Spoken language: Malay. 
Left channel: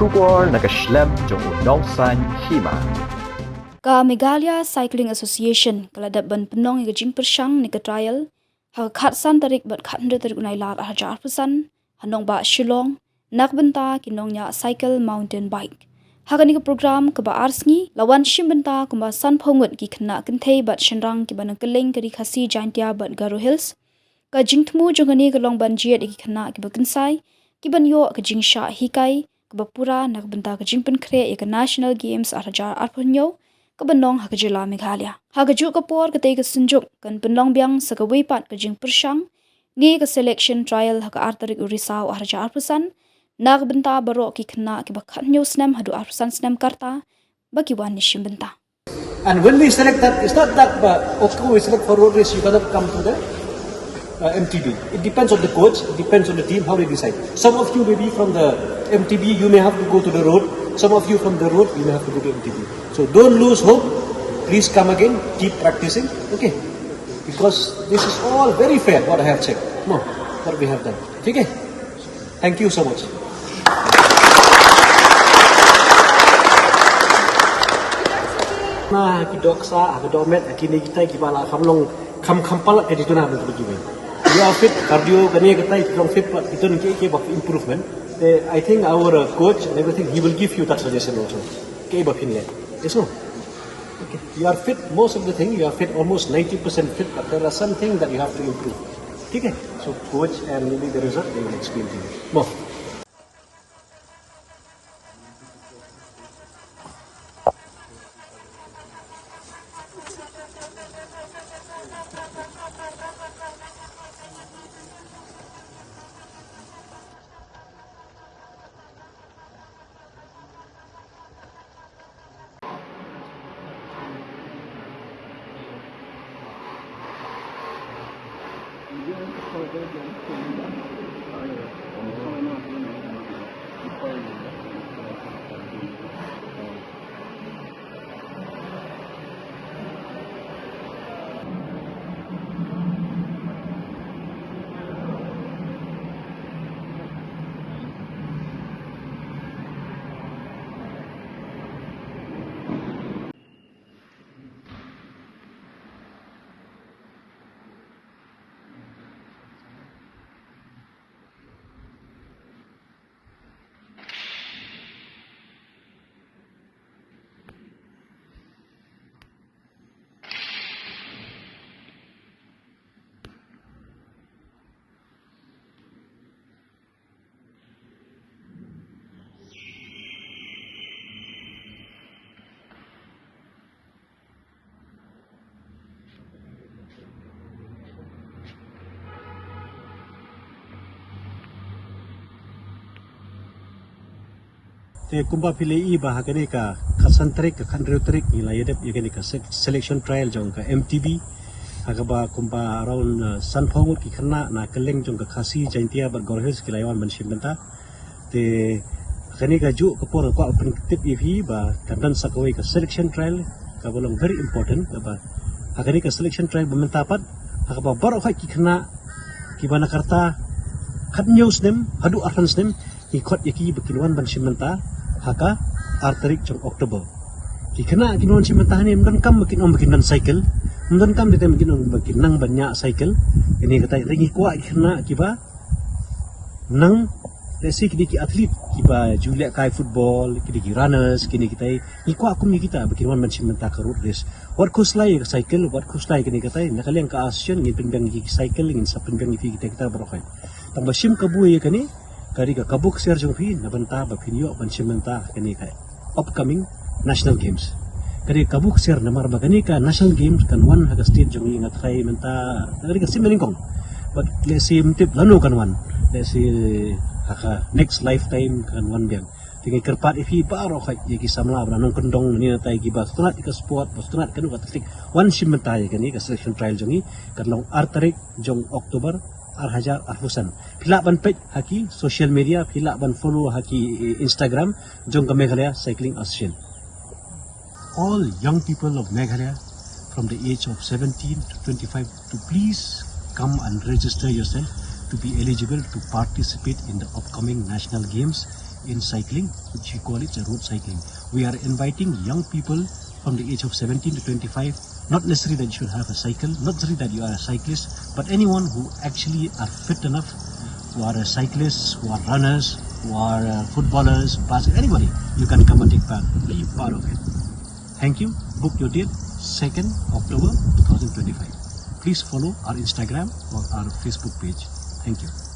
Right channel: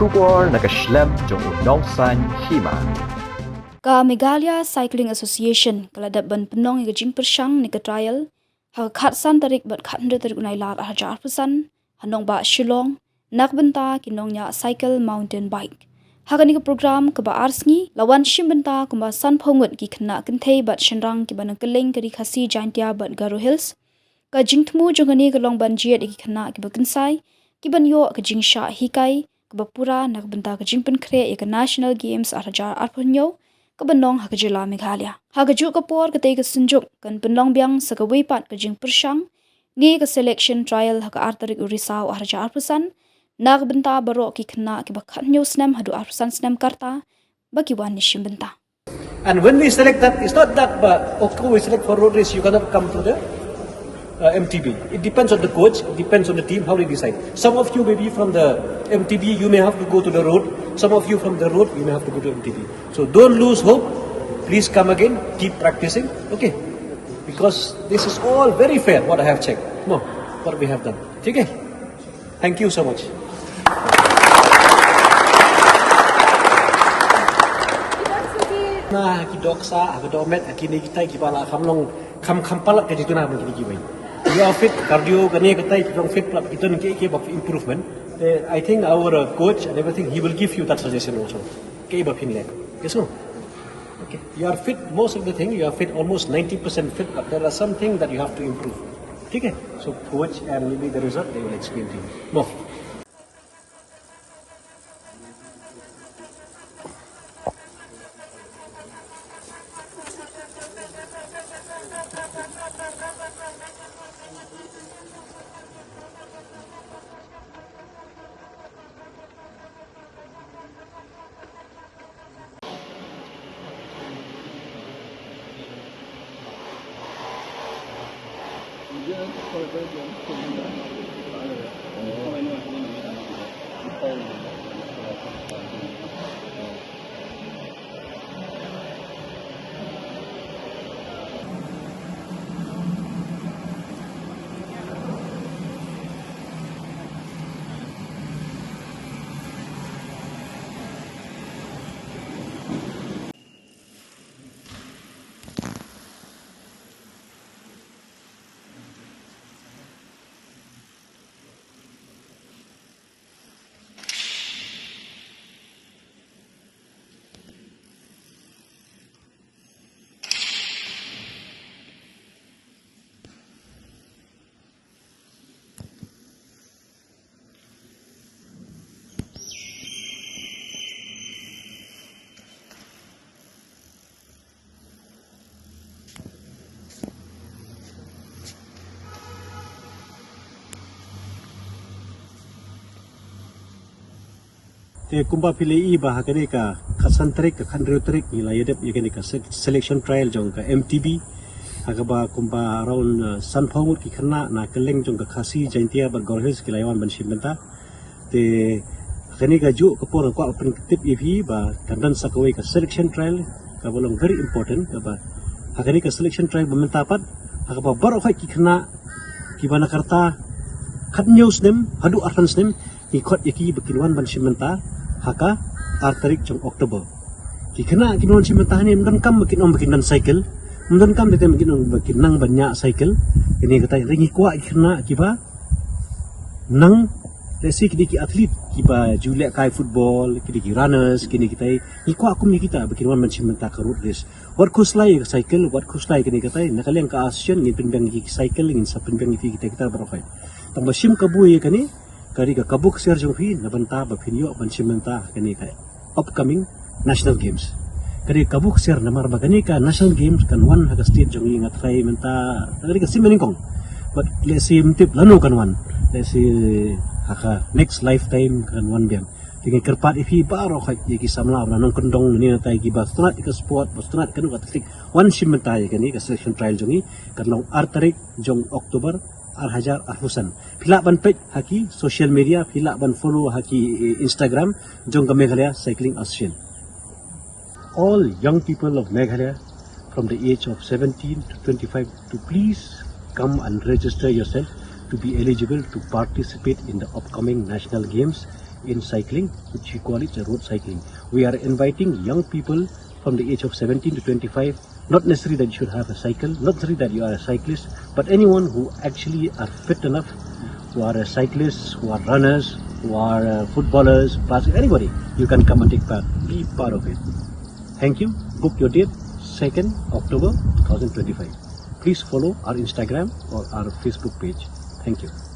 Shubor nakaslem jong unongsan Hima. Ka Meghalaya Cycling Association kaladap ban penong iga jing persang ni ka trial ha khatsan tarik bat khatnde tarik unai lar hajar pesan hanong ba Shillong nak Bynta ki Nongñiah Saikil mountain bike hakani ka program ka ba arsngi lawan shim Bynta kuma san phongut ki khna kinthei bat shenrang ki ban keleng kari khasi Jaintia bat Garo Hills ka jingthmu jongani ka long ban jiet ki khna ki ba kinsai ki ban yo ka jingsha hikai ka ba pura nak Bynta ka jingpen khre ka national games hajar arphonyo kabanong hakajila Meghalaya. Hakaju kapor katay kasunjuk kan penlong biang sa kawipat kajing persyang ni ka selection trial haka artarik urisaw harja arpusan nak Bynta baro ki kena ki bakhat nyo snem hadu arpusan snem karta bagi wan Ïashim Bynta. And when we select that, it's not that okay, we select for road race, you cannot come to the MTB. It depends on the coach, it depends on the team, how they decide. Some of you may be from the MTB, you may have to go to the road. Some of you from the road, you may have to go to MTB. So don't lose hope. Please come again, keep practicing, okay? Because this is all very fair, what I have checked. No, what we have done. Okay? Thank you so much. Nah, aki doksa, aki domet, aki negitai, aki bala, kamlong palat ke jitu na begitu gini. You are fit, cardio, kani kita long fit, itu ni of improvement. I think our coach and everything, he will give you that suggestion also. Okay, but yes, no. Okay, you are fit. Most of the thing you are fit, almost 90% fit, but there are some things that you have to improve. Okay, so coach and maybe the result they will explain to you. No. Te kumpa pilih bah kene ka khasan trik ka khandrio trik ila yedep kene ka selection trial jong ka MTB aga ba kumpa around sanphong ki khna na keleng jong ka khasi Jaintia bar gorhes ki lawan ban Bynta te kene ka ju kapur ko tip ev ba kandan sakawai ka selection trial ka bonong very important ka ba agari ka selection trial Bynta pat aga ba bar ki khna ki bana karta khatnyo snem hadu arhan snem ki khot yaki bakinwan ban Bynta haka artarik jong Oktober. Kena kinon Bynta ni mungkin kam makin dan cycle, mungkin kam makin nang banyak cycle. Ini kata lagi kuat kena kiba nang resi kini atlet kiba Julia kai football kini runners kini kita kuat kum kita bakin wan Bynta ka road race. What course lai cycle, what course lai kini kata nakaleng ka Asian ngin penbeng cycle ngin sa penbeng kita berofai. Tambah sim kabu ye kani kari ka kabuk ser jong fi Bynta ba pinyo ban Bynta kani ka upcoming national games kari kabuk ser namar ba kani ka national games kan wan ha state jong ingat kai Bynta kari ka simelingkong but let's see mtip lano kan wan let's see ha next lifetime kan wan biang tingi kerpat ifi baro ka yaki samla nang kendong ni tai ki ba strat ka sport ba strat kan atletik wan Bynta kani ka selection trial jong kan long artarik jong Oktober Al-Hajar Arfusan. Pila ban page haki social media, pila ban follow haki Instagram, jong ka Meghalaya Cycling Association. All young people of Meghalaya from the age of 17 to 25 to please come and register yourself to be eligible to participate in the upcoming national games in cycling, which we call it a road cycling. We are inviting young people from the age of 17 to 25. Not necessarily that you should have a cycle, not necessarily that you are a cyclist, but anyone who actually are fit enough, who are cyclists, who are runners, who are footballers, basketball, anybody, you can come and take part, be part of it. Thank you. Book your date, 2nd October 2025. Please follow our Instagram or our Facebook page. Thank you.